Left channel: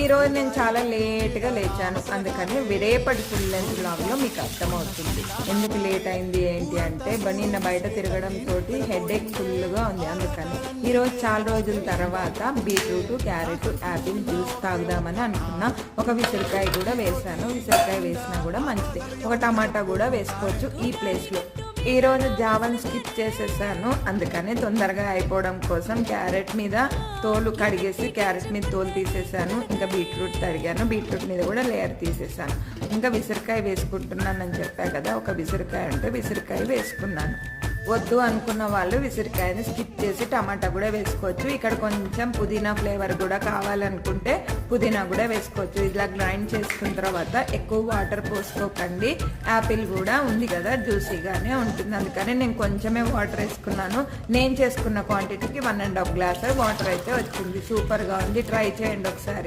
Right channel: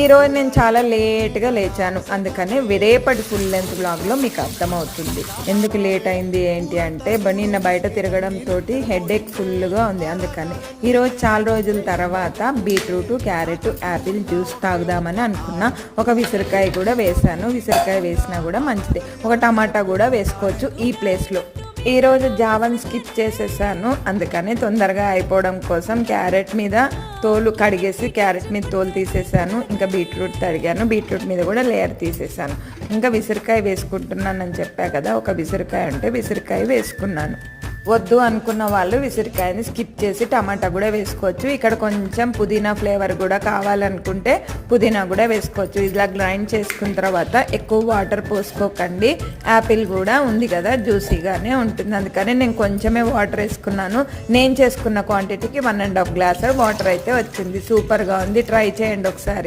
ఈరోజు నేను చాలా లేట్గా లేచాను, అందుకని రేపటి ఫుల్ లెంత్ బ్లాగ్లో మీకు అర్థమవుతుంది ఎందుకు లేట్ అయింది ఏంటి అంటే నిన్న బయట తిరగడంతో హెడేక్ ఫుల్గా ఉంది. అందుకని ఈరోజు చాలా రోజుల తర్వాత బీట్రూట్, క్యారెట్, యాపిల్ జ్యూస్ తాగుదామని అనుకున్నా. ఒక విసరకాయ కూడా వేసాను. విసరకాయ వేసినా కూడా మంచిదే. ఒక టమాటా కూడా వేసుకోవచ్చు ఈ ప్లేస్లో. ఈరోజు జావన్ స్కిప్ చేసేసాను, అందుకని తొందరగా అయిపోవడం కోసం క్యారెట్ మీద తోలు కడిగేసి క్యారెట్ మీద తోలు తీసేసాను. ఇంకా బీట్రూట్ తరిగాను, బీట్రూట్ మీద కూడా లేయర్ తీసేసాను. ఇంకా విసరకాయ వేసుకుంటున్నానని చెప్పా కదా, ఒక విసరకాయ ఉంటే విసరకాయ వేసుకున్నాను. వద్దు అనుకున్న వాళ్ళు విసరకాయని స్కిప్ చేసి టమాటా కూడా వేసుకోవచ్చు. ఇక్కడ కొంచెం పుదీనా ఫ్లేవర్ కూడా కావాలనుకుంటే పుదీనా కూడా వేసుకోవచ్చు. ఇలా గ్రైండ్ చేసుకున్న తర్వాత ఎక్కువ వాటర్ పోసుకోకండి. యాపిల్ కూడా ఉంది కదా, జ్యూసీగానే ఉంటుంది. అందుకని నేను కొంచెమే వాటర్ వేసుకున్నాను. నేను చేసుకున్న క్వాంటిటీకి 1.5 గ్లాస్ వాటర్ అయితే వచ్చింది. సూపర్గా ఉంది, ట్రై చేయండి ఒకసారి.